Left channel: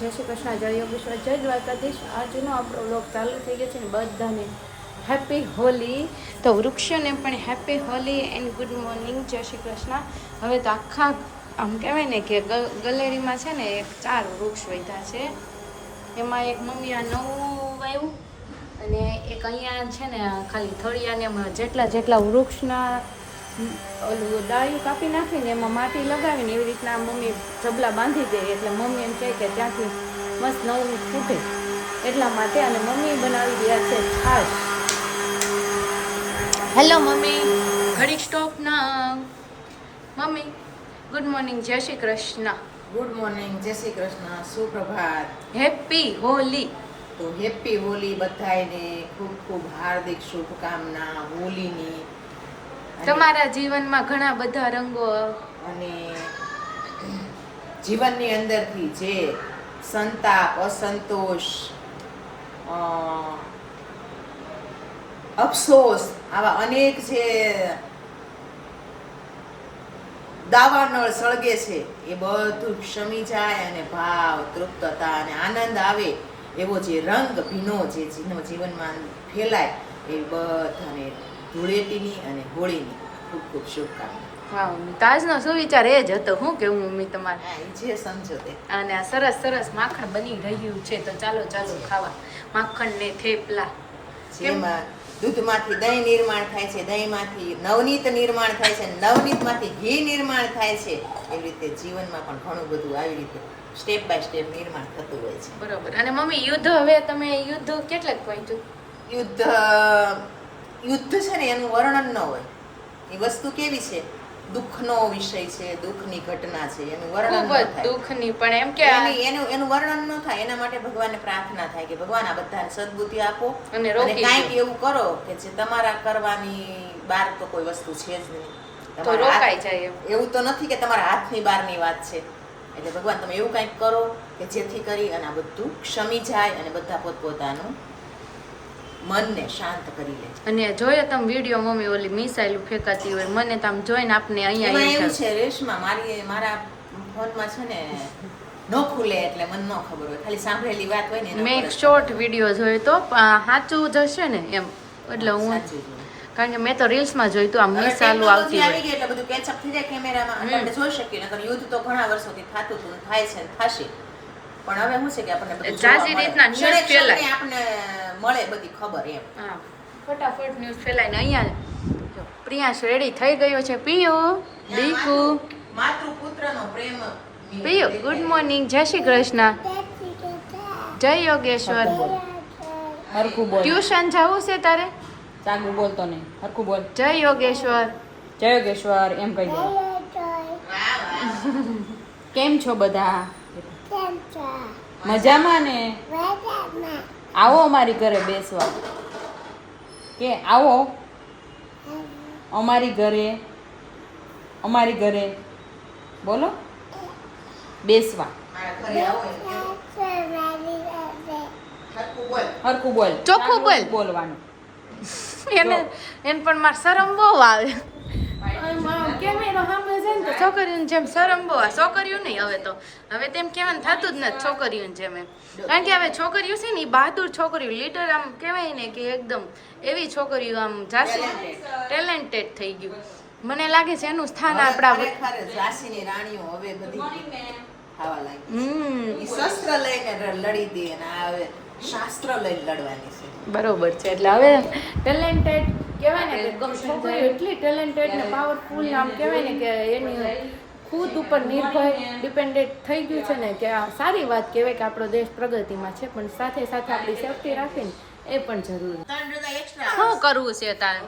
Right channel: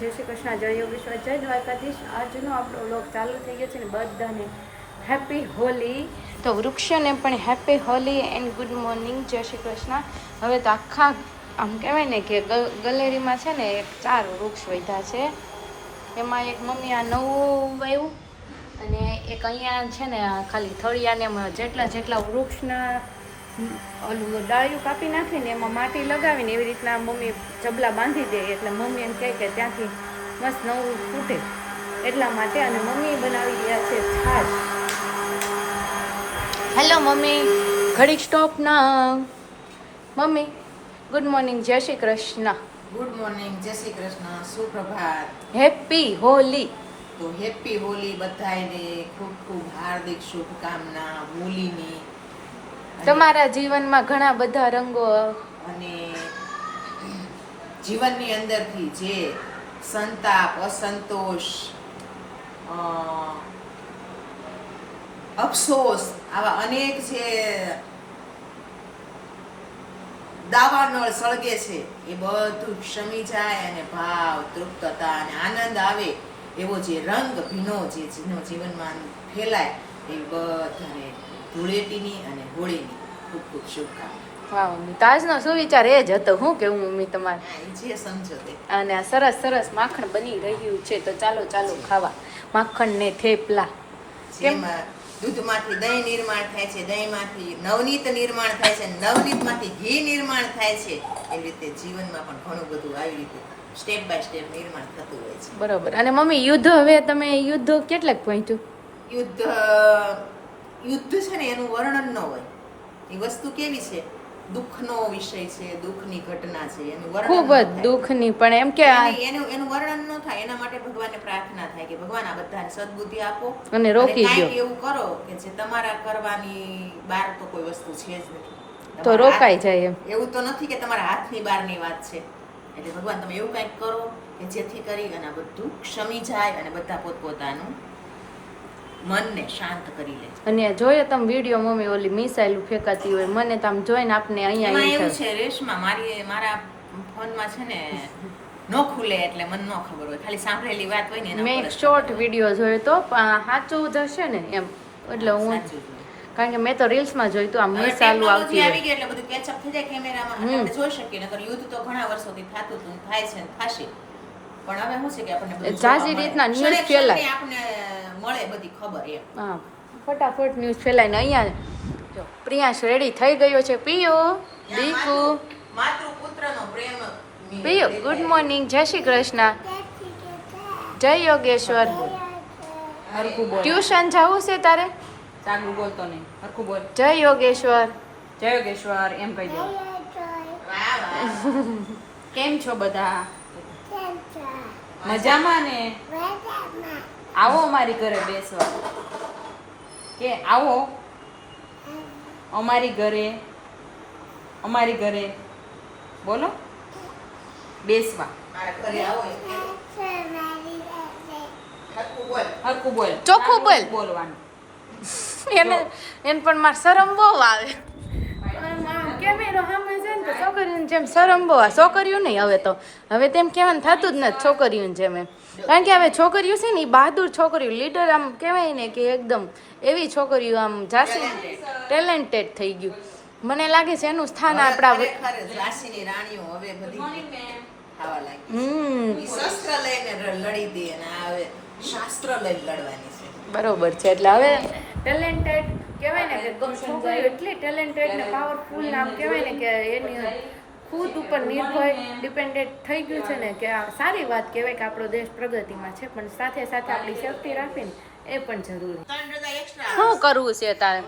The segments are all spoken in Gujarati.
જય શ્રી કૃષ્ણ, જય યોગેશ્વર, જય દ્વારકાધીશ. આજનો આપણો વ્લોગ ચાલુ થઈ ગયો છે ને બધાને હેપી હોલી. તો વૃક્ષોને પણ happy Holi and good morning, જય શ્રી કૃષ્ણ. હવે તો આખા આમ કહેવાય ને કે ગેલેરીમાં છે ને 4 વૃક્ષ વધ્યા છે. એમાં એક મમ્મી આ નવું વાવ્યું અને એક અહીંયા છે ને ખાલી થળિયાને જેટલા વૃક્ષના ઓલું ડાળિયું કાપી નાખીને એમાં માટી લગાવીને એવી રીતના મમ્મી જબલા બાંધી દે એટલે મમ્મી એમ કહે કે ત્યાંથી મસ્ત નવું ફૂટે એટલા માટે. અને મમ્મી બનાવી રહ્યા છે છાશ. હેલો મમ્મી, ઘડી સ્ટોપ ના. મમ્મી ગુડ મોર્નિંગ, જય શ્રી કૃષ્ણ. ગુડ મોર્નિંગ, જય શ્રી કૃષ્ણ, સુપ્રભાત, હેપી હોલી. તો હેપી હોલી બધાને, ખૂબ ખૂબ હાર્દિક શુભકામના હોલીની. તમારા જીવનમાં ઘણા બધા રંગો અને જીવનની અંદરથી જે સંતાપ, અસંતોષ, અફસોસ આવા અનેક જે દાવાનળ સળગે છે એ બધું શમી જાય અને ભાવ, તૃપ્તતા અને આનંદ આવે એવો જે રંગ ભીનો જે જીવનમાં ફેલાય એ બધાને ધૂળેટીની અને હોળીની ખૂબ ખૂબ શુભકામના. વાવ, તાજનો સુવિચાર એ જ હતો. હું કેવું મમ્મી તમારે? જે સમજો તે. અને આ સરસ સરસ માખણ બની રહ્યું છે તો ચાલો ખાવા માખણ ને થેપલા. જેમાં દૂધમાંથી દહીં નિર્માણ થાય છે, દહીંમાંથી નવનીત નિર્માણ થાય છે, નવનીતમાંથી ઘી નિર્માણ થાય છે. એવી રીતે જીવનમાં પણ ઘણું બધું આવી રીતે સ્ટેપ બાય સ્ટેપ નિર્માણ થતું હોય છે. બરોબર. અને મમ્મી યુદ્ધ, હવે તમે યુદ્ધ કેટલાક પહોંચ્યું? યુદ્ધ છે ને એનું વર્ણન ન હોય. એ વસ્તુ કેવી છે, દુઃખનો વિષય છે, દુઃખની ઘટના છે, એનું વર્ણન ન થાય. દુઃખની પણ એમ કે એનું વર્ણન ન થાય. એના માટે ભગવાનને પ્રાર્થના થાય કે ભગવાન આ બધાને સદબુદ્ધિ આપો અને કાંઈક એવું કરો કે જે તમારા કરવાની બહાર તો કોઈ વસ્તુ છે જ નહીં, તો રોકાઈ જાય. એવું તો નથી કે તમારા હાથની બહારની વાત છે. એટલે ભગવાન તમે એવું કંઈક કરો કે જેથી કરી અને આ બધું ક્ષમી જાય અને બધા પોતપોતાનું મનને શાંત કરી લે. અને જોયો તમે વિડીયો મમ્મી ઓલી મિસાઇલ ફેંકાતી હોય, મને તો આમ જોઈને આપને અહીંયા એવું છે રેશમા, મારા ફોનમાં છે ને નો ખુલે એટલે મને ન ખબર હોય, ખાલી સાંભળેલી વાત હોય ને. મેં એક શોર્ટ વિડીયો જોયો તો સાચું જશે ને એમ, એટલે હું કારણ કે મેં તો રીલ્સમાં જોયું તો આમ મિસાઇલ આવતી હોય એટલે બધું કેચઅપ થઈ જાય કેમેરામાં, આપણે જોઈ શકીએ. નકર યુદ્ધ તો ઘણા વર્ષોથી થતું હતું, થાય છે ને થશે. પણ હવે શું છે કે આપણને બધું જાજી રીતના ન્યૂઝ ફેલાય, આપણને મળે બધી ખબર એમ. હા, ફટાફટ ન્યૂઝ ફેલાય ને. અહીંયા જો પ્રિયાંશ રેડી થઈ ગયો છે. પિયો દીકુ, માતૃપુત્રનો પ્રેમ. પિયો ગુડ મોર્નિંગ, જય શ્રી કૃષ્ણ, જય યોગેશ્વર. હરખું બોલ. ટ્યુશન જવું છે તારે? ચાગુ બોલતો નહીં, હરખું બોલ. જય યોગેશ્વર. જય યોગેશ્વર એમ કહી દો. કેમ છો બધા? મજામાં ને? આવો અમારી ઘરે બેસવા. કે આવો અમારી ઘરે બોલો બેસવા. હરખું બોલ, ચોખ્ખું બોલ. બોલવાનું. એને પણ મારે શરમ બહુ આવે. કેમેરો સામે છે ને તો છોકરીઓને જેમ શરમ બહુ આવે. છોકરીઓ નહીં, હવે તેમ કહેવાનું થતું જ નથી છોકરીઓને જેમ એમ. કારણ કે હવે છોકરીઓ છે ને એ બહાદુર છોકરીઓ, લીડર આમ કહેવાય ને કે એકદમ એવી છોકરીઓ આમ ઝાંસી ટેલેન્ટેડ થઈ ગયું. મને લાગે છે એનું સ્થાન આપણા ઝાંસીની રાણીઓ હવે બધી ખાવા લાગી. શસ્ત્ર લઈને લડી દે અને હવે શાસ્ત્ર લઈને લડવાની છે. બરોબર છે. એટલે હવે ટેલેન્ટેડ કહેવાય ને કે છોકરીઓ એટલી ટેલેન્ટેડ ને પાવરફુલ આમ કહેવાય ને કે એની ખુદ ઉપર નિર્ભય ડિપેન્ડેન્ટ થઈ ગયું છે ને કે આ સારી વાત કહેવાય કે આપણો દેશ પ્રગતિમાં છે, પણ સાથે સાથે આપણી સેફટી રાખીને એ પણ જરૂરી. શું કરવું છે તારે?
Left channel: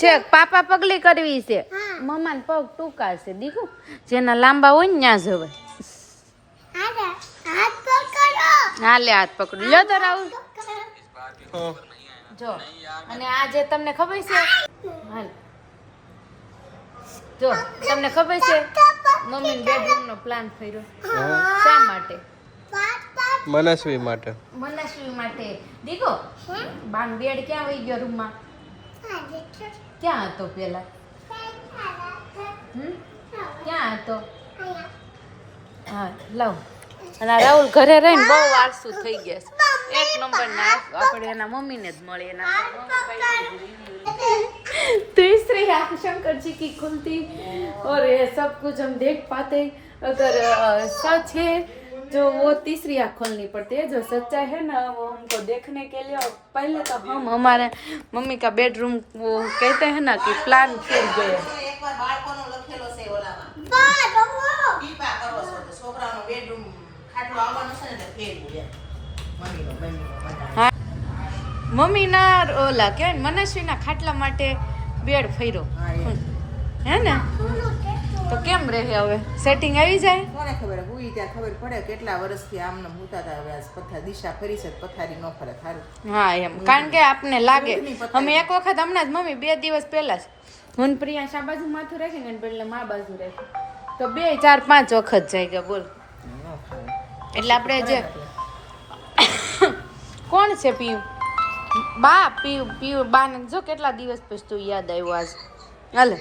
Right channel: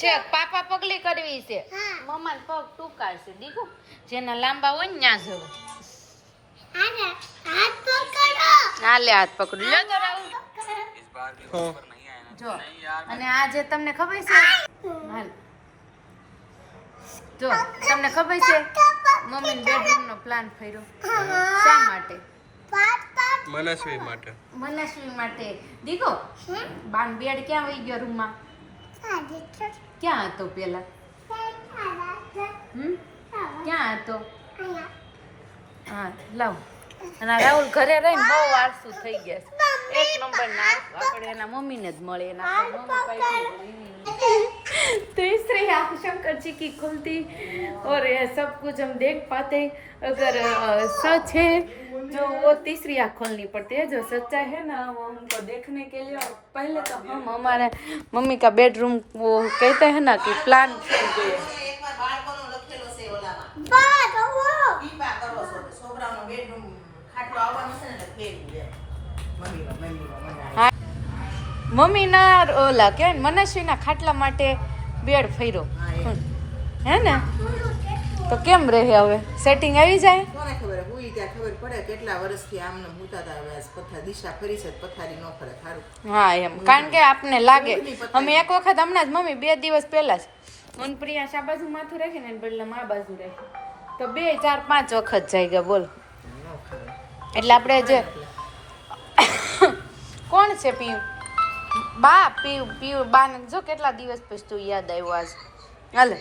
છે પાપા પગલી કરવી છે, મમ્મા પગ ટૂંકા છે દીકુ, જેના લાંબા હોય ને ત્યાં જવાય. હાલે હાથ પકડું લો તો રાહુલ જો. અને આજે તમને ખબર છે, હાલ જો તમને ખબર છે મમ્મી બેડરૂમ નો પ્લાન કર્યો શા માટે? મનસ્વી માટે. મનસ્વી માટે. દીકો બાન બેડ ક્યાં વહી ગયો રૂમમાં? ક્યાં હતો પેલા? ક્યાં હતો? હા લાવ. અને આ રાહુલ ઘરે રહીને બહુ આળસુ થઈ ગયા છે. એક નંબર ના આપણે એના મમ્મીને જ મળે એના तीसरी आँख शंकर जी की खुलती और ये सब कुछ हम देख पाते अगर सच है जो वो तीसरी आँख खोलनी पड़ती है जो सच्चा है ना वो हमको देखने के लिए और पहले तो हम हमारे मम्मी का बेडरूम वो कहते हैं ना कि प्लान छूट गए એકવાર બાળકોનો લખેલો છે ઓલામાં પીપા કરો છો તો છોકરાનો બેડરૂમ ખાટલો આવવાનો છે ને એટલે ફેરવું એમ મમ્મીનો હા મમ્મી ના ઓલા કે મનસ્વીના ખાટલા માટે બેડ ફર્યો હે ને તો કેમ રહે હવે સેટિંગ આવી જાય કોને ખબર હુઈ ત્યાં ખબર પડે કેટલા વર્ષથી આમને ભૂતા હતા હવે આજ પથાર દિશા ફરી છે પથારી ન ફરે સારું હા એમ કારણ કે આપને લાગે અમે એક વખત હમણાં જ મમ્મી 2 દિવસ પહેલા જ હું પ્રિયા શા બાજુ માથું રાખી ને બદલે મા બાજુ રાખી તો 2 4 5 વખત જાય ગયા બોલ એટલે આપણે જે કોણ છે પીયું બા પીયું બા ને જો કેટલા દિવસ પછી તું યાદ આવ્યો આજ હાલે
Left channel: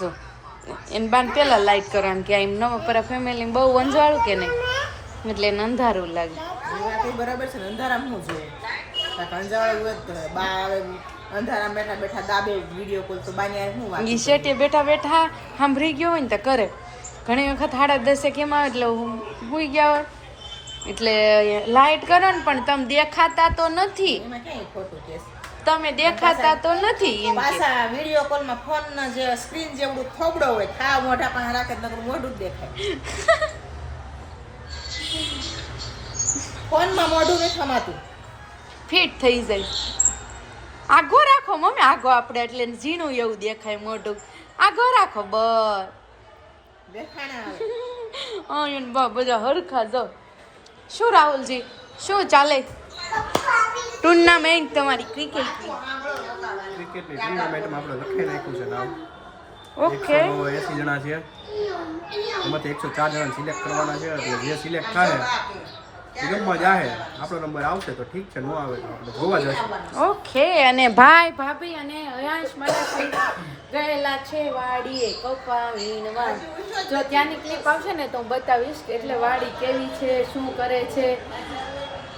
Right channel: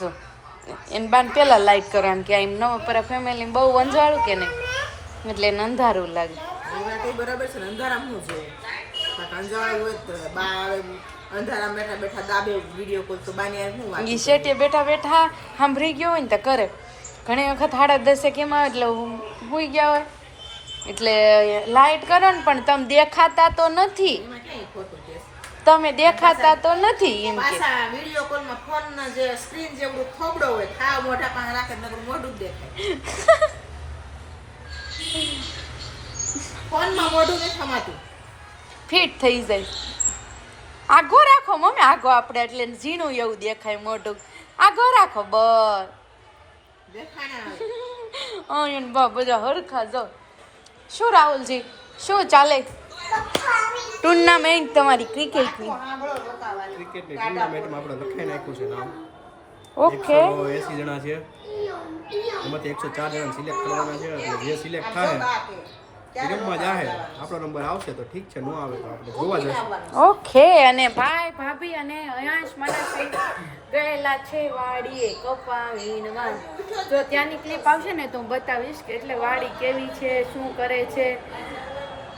જો એને બાન પેલા લાઈટ કરવાનું કે એમ નવો પર ફેમિલી બહુ વંજવાળું કે નહીં એટલે એને અંધારું લાગે એ વાત એ બરાબર છે ને અંધારામાં હું જોયું અંધારું હોય તો બા આવે અંધારામાં બેઠા બેઠા દાબે વિડીયો કોલ તો બાની આ શું વાત ઈ શેઠે બેઠા બેઠા સાંભળી ગયો હોય ને તો કરે ઘણી વખત 10:30 કેમ આવે એટલે હુઈ ગયા હોય એટલે લાઈટ કરો ને પણ તમે દેખાતા તો નથી એમાં ક્યાંય ખોટું છે તમે દેખાતા તો નથી એમ કે પાછા વિડીયો કોલમાં ફોનના જે સ્ક્રીન જેવડું થોબડો હોય થાવ મોઢા પાસે રાખે નકર મોઢું જ દેખાય ફોનમાં મોઢું નથી થમાતું ફિટ થઈ જાય આગો રાખો મમ્મી આગો આપણે એટલે ઝીણું એવું દેખાય મોઢું આગો રાખો બસ દેખાણા આવે બા બધા હરખા જાઓ શું રાહુલજી શું ચાલે ટુર્નામેન્ટ તમારી ક્રિકેટની ક્રિકેટની ટુર્નામેન્ટમાં આપણે લખી નાખ્યું છે નામ ઓકે 180 જણા છે એમાંથી 104 જણા સિલેક્ટ કરવાના છે એટલે જે સિલેક્ટ થાય એ રમવા જાહે આપણો નંબર આવશે તો ઠીક છે ન આવે તો આપણે જોવા જશું ઓકે અને ભાઈ ભાભી અને અયાંશ મનસ્વી ગયેલા છે વાડીએ કપા વીણવા જો ત્યાંની ક્લિપ આવશે ને તો હું બતાવીશ કે એટલે વાડી કેવી છે શું કરે છે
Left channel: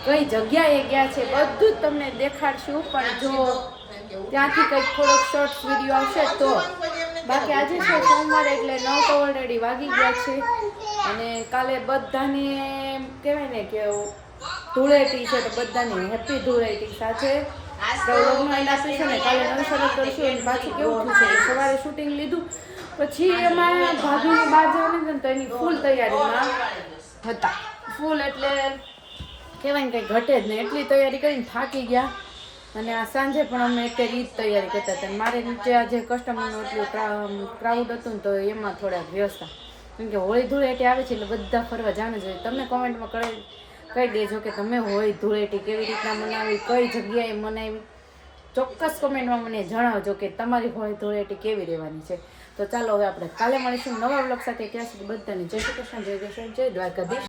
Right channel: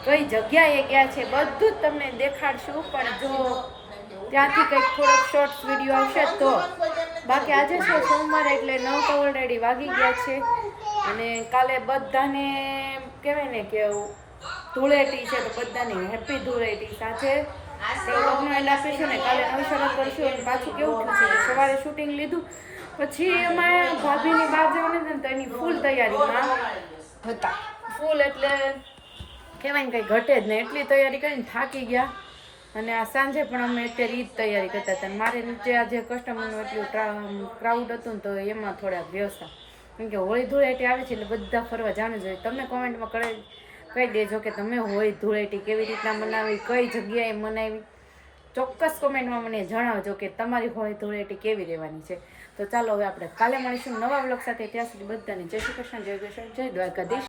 કઈ જગ્યાએ ગયા છે બધું જ તમને દેખાડશું પણ જો ત્યાંથી કંઈક થોડોક શોર્ટ્સ વિડીયો આવશે તો બાકી આજે છે સોમવાર એટલે 9 તો ઓલરેડી વાગી ગયા છે અને કાલે બધાને કહેવાય ને કે ધૂળેટી છે તો બધાને હેપી ધૂળેટી સાથે વ્લોગનો એન્ડ આપી છે ને કાલે નવી શરૂ કરશું અને પાછું કેવું થયું છે કે સવારે શૂટિંગ લીધું પછી એમાં ભાભીની બહાર જવાની હતી ને તો એની ફૂલ તૈયારીમાં હતા ફૂલ એટલે કહેવાય ને કંઈ ઘટે જ નહીં એટલી તૈયારી કરીને થાકી ગયા અને આ સાંજે પણ અમે અત્યારે ઈ જ તૈયારી કરતા હતા મારે નીચે આજે કસ્ટમરનું એટલું ક્રાઉડ હતું ને તો એમાં થોડા વ્યસ્ત કેમ કે હોળી ધૂળેટી આવે છે એટલે બધા ફરવા જાણ જોઈએ તમને કોમેન્ટમાં કહી દેજો કે તમે હોળી ધૂળેટી કેવી રીતના મનાવી કઈ જગ્યાએ મનાવી ચોક્કસ કોમેન્ટમાં મને જણાવજો કે તમારી હોળી ધૂળેટી કેવી રહેવાની છે તો ચાલો હવે આપણે કાલે મળીશું નવા વ્લોગ સાથે ત્યાં સુધી બધાને જય શ્રી કૃષ્ણ જય જય દ્વારકાધીશ